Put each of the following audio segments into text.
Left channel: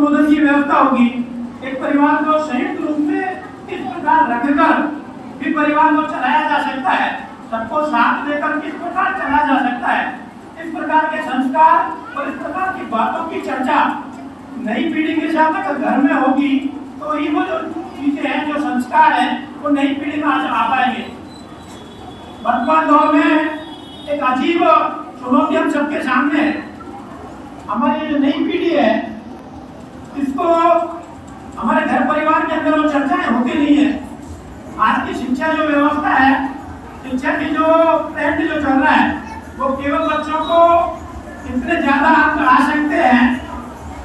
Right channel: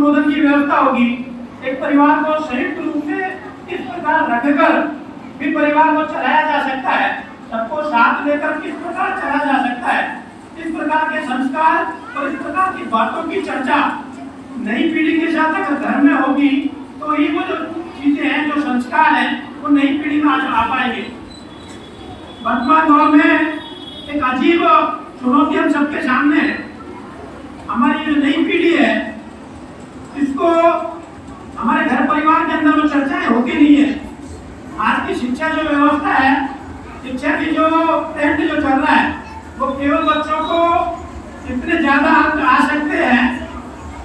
अनुमोदन की व्यवस्था होगी। एक परिवार को संयुक्त रूप से किस प्रकार रखकर भी परिवार को चलाया जा सकता है, सबको साथ लेकर किस प्रकार चलाया जा सकता है, इस प्रकार के संस्कार और इस प्रकार की बातों की चर्चा नई पीढ़ी के साथ अगर घर में होगी तो ये वो जो चीजें हैं, जो संस्कार हैं, वो नई पीढ़ी में आ पाएंगे। वर्तमान दौर में एक अजीब चुनौती हम सबके सामने है। हमारी जो नई पीढ़ी है, इसको हमारे घर परिवार के अंदर वो चर्चाएं होती नहीं है। आज की शिक्षा जो व्यवस्था है, शिक्षा की जो ट्रेंड जो चल रहा है, वो केवल बच्चों को इतने ज्यादा अंक आ सकते हैं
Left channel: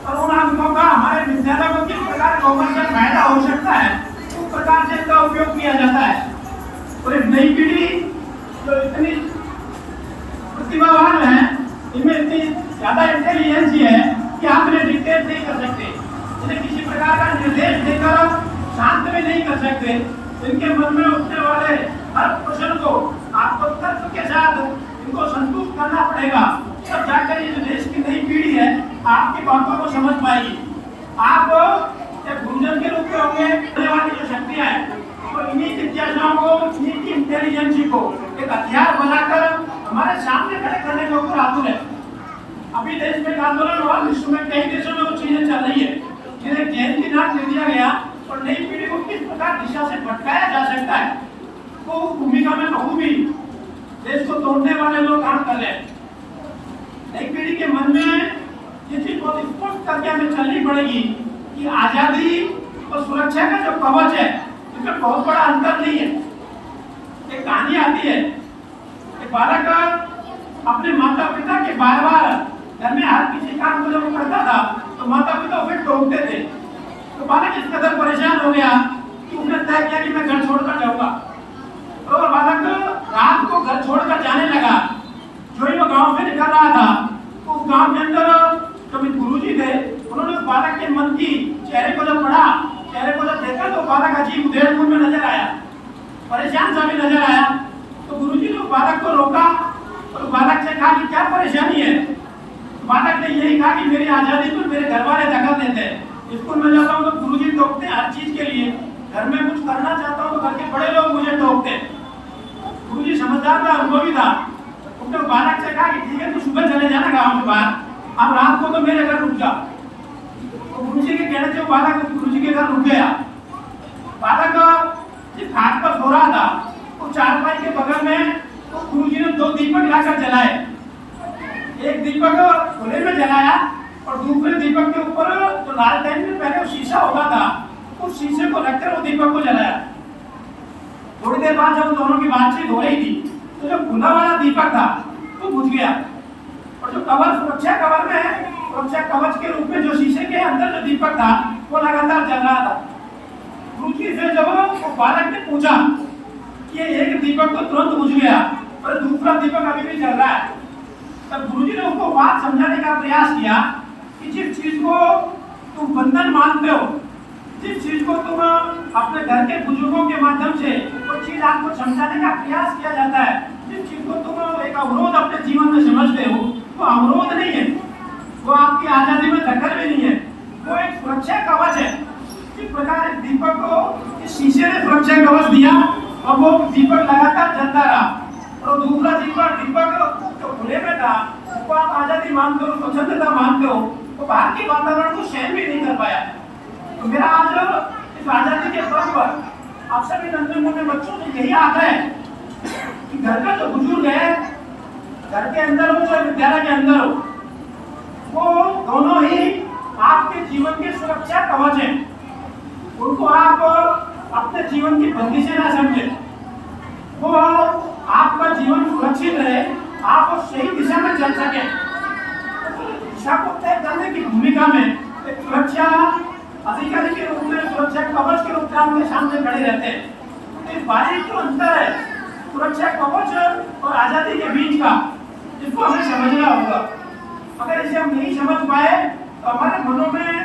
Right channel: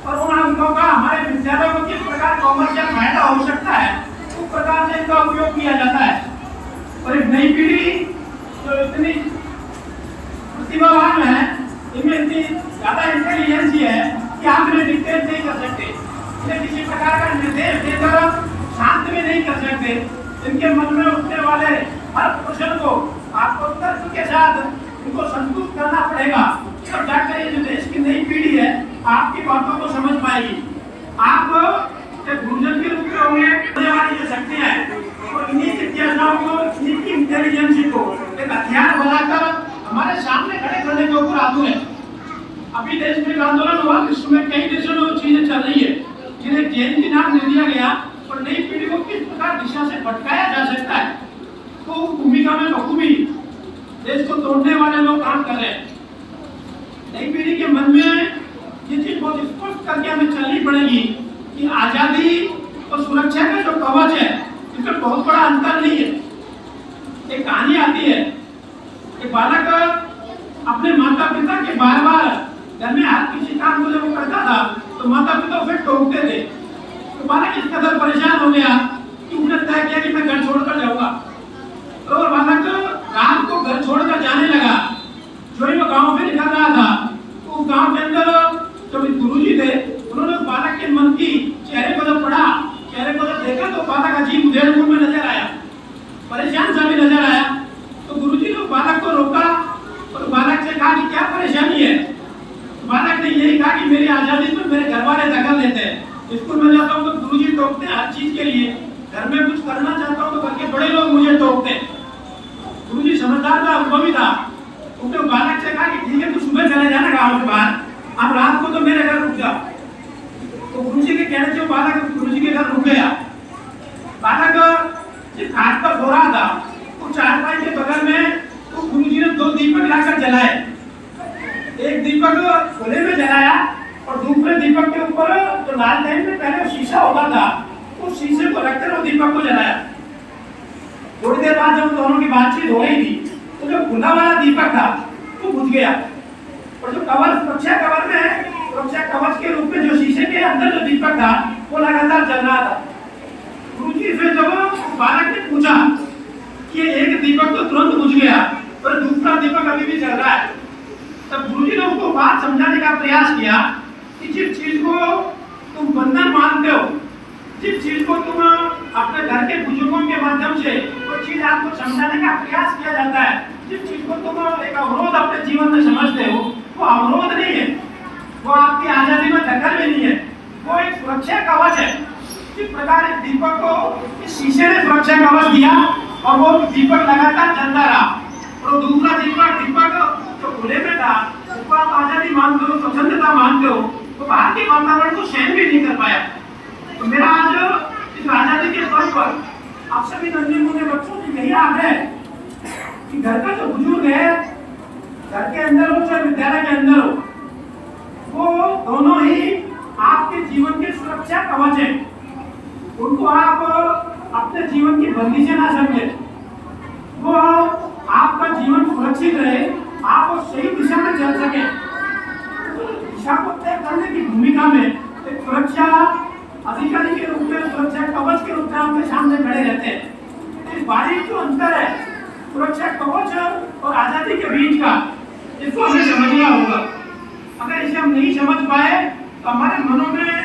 और उन अंकों का हमारे विद्यालयों को किस प्रकार कॉमर्शियल फायदा हो सकता है, उस प्रकार से इनका उपयोग किया जाता है। और एक नई पीढ़ी जो इतनी प्रतिभावान है, इनमें इतनी ज्यादा इंटेलिजेंस है कि आप इन्हें डिक्टेट नहीं कर सकते, इन्हें किसी प्रकार का निर्देश देकर शांत भी नहीं कर सकते। इनके मन में उठने वाले हर प्रश्न को आपको तर्क के साथ इनको संतुष्ट करना पड़ेगा, तब जाकर ये जो देश की नई पीढ़ी है आपकी बातों को समझ पाएगी। आप एक गुरुजन के रूप में होंगे, होने वाली जो शक्तियां हैं, तो इन्हीं जिज्ञासाओं को, इन्हीं की इंटेलिजेंस को एक हथियार बनाकर हमारे सामने खड़े करने के ऊपर आतुर है। अभी देश में एक आंदोलन हुआ, विश्व में कई देशों में वो चीजें चल रही है, जिन्हें जेल की नाम दे दिया गया और नई पीढ़ी को किस प्रकार दिशा से भटकाया जा सकता है, तो भूमिका में बखूबी देश को तोड़ने वाले लोग काम कर रहे हैं। नई पीढ़ी के मन में ये चीज बहुत स्पष्ट करके हमें चलनी पड़ेगी कि आजादी और सुरक्षा का जो कवच है, इसमें बहुत बड़ा अंतर नहीं है। एक कहानी आती है, एक बालक अपने माता पिता के बार बार घर में हर किसी काम को जब वो करता था तो माता पिता उसे टोकते थे। तो बालक इस कदर परेशान हो गया कि उसने तय किया कि मैं घर छोड़कर जाऊंगा। तो बालक रात को घर छोड़कर जाने लगा। जो ही वो गांव से निकल रहा था, तो उस गांव के अंदर जो गुरुजी थे, उन्होंने उस बालक के मन की चेहरे को जब पढ़ा, चेहरे को जब देखा, तो बालक अजीब उधेड़-बुन में नजर आया, परेशान सा भी नजर आया। तो गुरुजी ने बालक को रोका और बालक से कहा कि क्या परेशानी है। बालक ने यही कहा कि मेरी आजादी पर मेरे घर वाले दखल देते हैं, स्कूल में जाता हूँ तो गुरुजी टोकते हैं हर चीज के लिए, घर में कुछ करना चाहता हूँ तो घर के बड़े लोग मुझे टोकते हैं। गुरुजी समझदार था, अनुभवी था, उसने बालक से कहा कि ठीक है, तू सुबह चले जाना गाँव के बाहर, अब रात को तो मेरे घर रुक जा। तो गुरुजी के कहने से बालक गुरुजी के घर रुक गया। बालक जिस घाट पर सो रहा था, तो चारपाई के बगल में तो गुरुजी ने 2 दीपक लाकर जलाए। एक दीपक खुले में जलाया और दूसरे दीपक के ऊपर जो लालटेन में पहले शीशा होता था, उस शीशे को रखकर वो दीपक को जलाया। थोड़ी देर बाद जब दोनों की बातचीत हो रही थी, तो जो खुला वाला दीपक था वो बुझ गया और जो कवच, सुरक्षा कवर में, सुरक्षा कवच के रूप में जो शीशे के अंदर जो दीपक था वो लगातार जल रहा था। गुरुजी से जब बालक ने पूछा कि एक दीपक तो तुरंत बुझ गया और दूसरा दीपक अभी भी जल रहा है, तब गुरुजी ने उसको बात समझाने का प्रयास किया कि जिस चीज को तुम बंधन मानते हो, जिस चीज को तुम अपने घर के बुजुर्गों के माध्यम से वो चीज आपको समझाने का प्रयास किया जाता है, जिस चीज को तुम एक अवरोध अपने जीवन में समझते हो, वो अवरोध नहीं है, वो आपकी आजादी में दखल भी नहीं है, वो एक सुरक्षा कवच है। इस प्रकार इस दीपक को इस शीशे ने सुरक्षा कवच दिया और वो दीपक लगातार जलता रहा। और दूसरा दीपक जो खुले में था, उसको आप आजादी मानते हो, स्वतंत्रता मानते हो, तो बाहर के वातावरण को सहन भी नहीं कर पाया। तो मेरा आज इस आजादी के पर्व पर आप सभी नन्हे मुन्ने बच्चों से यही आग्रह है कि घर का जो बुजुर्ग है, घर के अंदर हो चाहे विद्यालय के अंदर हो, वो दोनों ही आपके जीवन के सुरक्षा कवच हैं। उनको आप अपने जीवन की बंदी से ना समझें, वो आपका जीवन सुरक्षित रहे, आप वो सही दिशा में चल सके। तो दिशा को तय करने की भूमिका में एक सुरक्षा अधिकारी के रूप में, सुरक्षा कवच के रूप में आपके सामने खड़े रहते हैं। इस बारीक जो अंतर है सुरक्षा कवच और आजादी के बीच का, इसको हमें समझना होगा। अगर इसे हम नहीं समझ पाए तो हमारे मनों में